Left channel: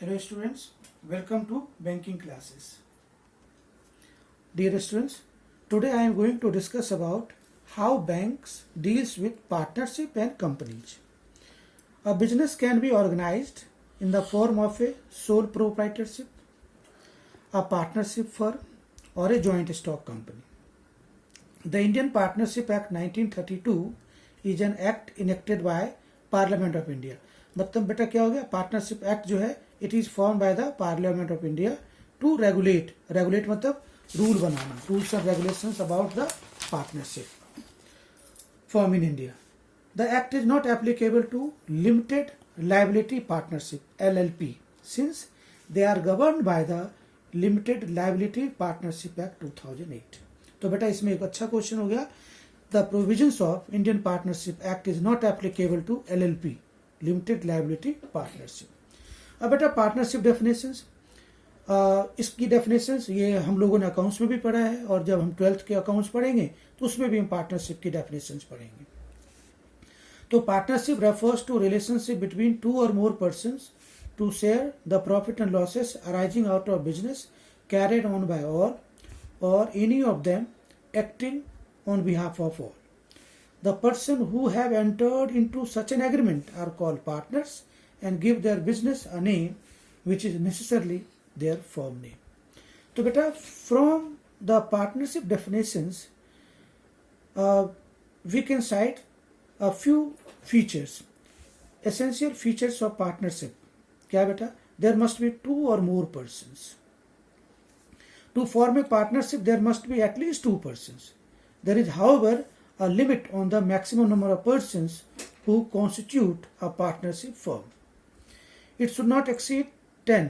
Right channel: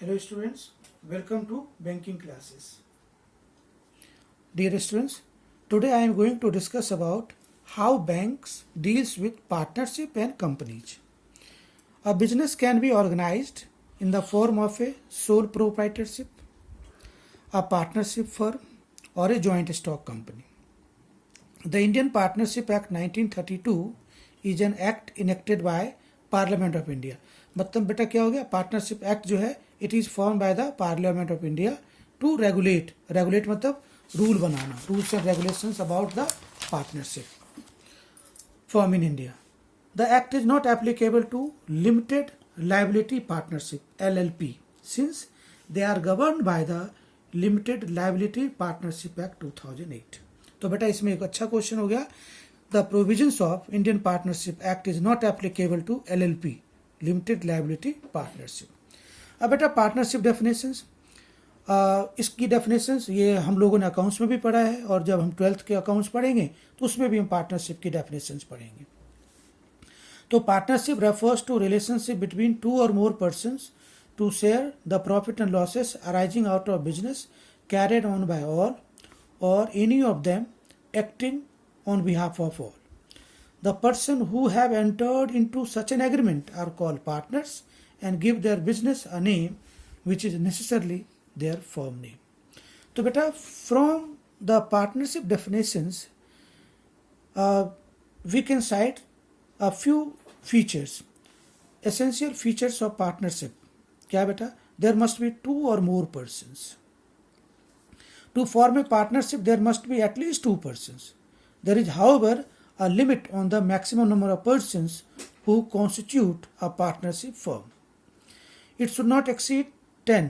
Hello students, welcome to banking classes. Dear students, today I am going to discuss about how banks deals with partnership and companies. A business can be organized in the form of a sole proprietorship, a partnership firm or a joint stock company. The Indian Partnership Act 1932 is an act enacted by Parliament of India. मतलब बेटा क्या हो गया, partnership act जो है it is form by the Parliament of India to regulate मतलब rule बनाना, rules and regulations about the partnership form in India. The act is not applicable to limited liability partnership LLP since they are governed by the limited liability partnership act 2008. तो बेटा इसमें एक अच्छा question हो गया. The provisions of Indian partnership act is not applicable to LLP limited liability partnership. अब बेटा partnership definitions, इसकी डेफिनेशंस ये हम लोगों ने अकाउंट्स में भी पढ़ा है और जब हम 12th के अकाउंट्स पढ़ेंगे तो उसमें भी हम पार्टनरशिप की डेफिनेशंस पढ़ेंगे. तो partnership refers to relationship between two or more persons to share the profit and losses arising out of business carried on by all or any of them acting on behalf of all. The person who have entered into such an agreement are called partners and give their business a name which is necessarily their firm name. तो बेटा from the partnership definitions we can cite a few features, essential features of partnership. क्या बेटा? There must be two or more persons. To form a partnership there must be at least two persons. There is however a limit on the maximum number of persons who constitute a partnership firm. It should not exceed 10.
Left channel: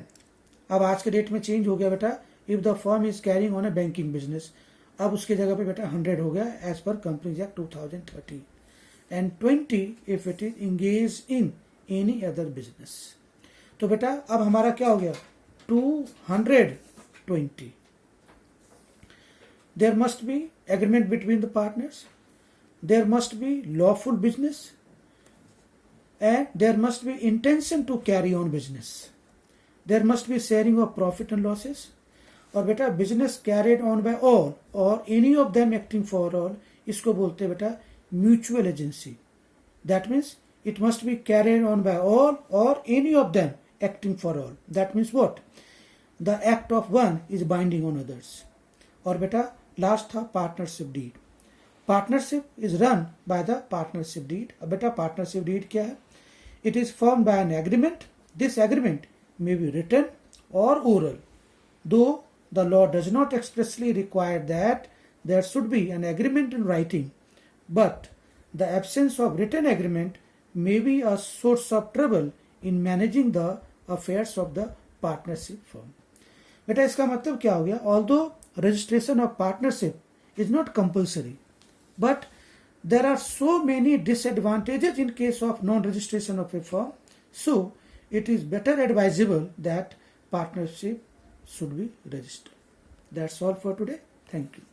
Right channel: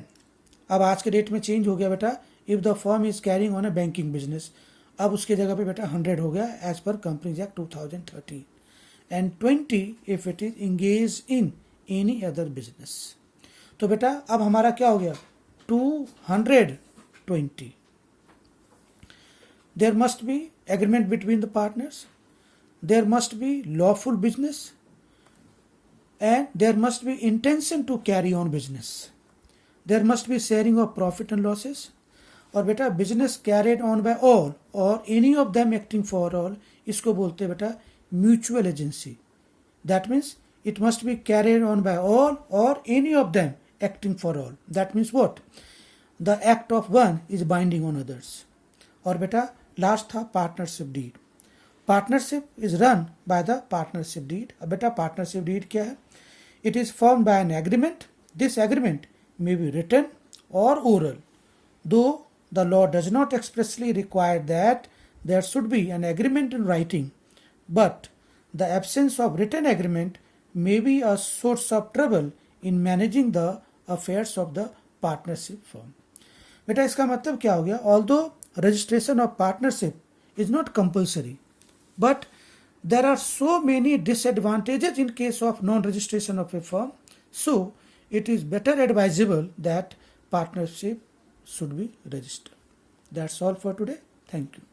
अब आज के date में change हो गया बेटा. If the firm is carrying on a banking business, अब उसकी जगह पे बेटा 100 हो गया एज पर companies act 2013 and 20 if it is engage in any other business. तो बेटा अब हमारा क्या हो गया 220. There must be agreement between the partners. There must be lawful business and there must be intention to carry on business. There must be sharing of profit and losses. और बेटा business carried on by all or any of them acting for all, इसको बोलते हैं बेटा mutual agency. That means it must be carried on by all or any of them acting for all. That means what? The act of one is binding on others. और बेटा last था partnership deed. Partnership is run by the partnership deed. अब बेटा partnership deed क्या है? It is form by an agreement. This agreement may be written or oral, though the law does not expressly require that there should be an agreement in writing, but the absence of written agreement may be a source of trouble in managing the affairs of the partnership firm. बेटा इसका मतलब क्या हो गया? Although registration of partnership is not compulsory, but there are so many disadvantages in case of non-registration of a firm, so it is better advisable that partnership should be registered. That's all for today. Thank you.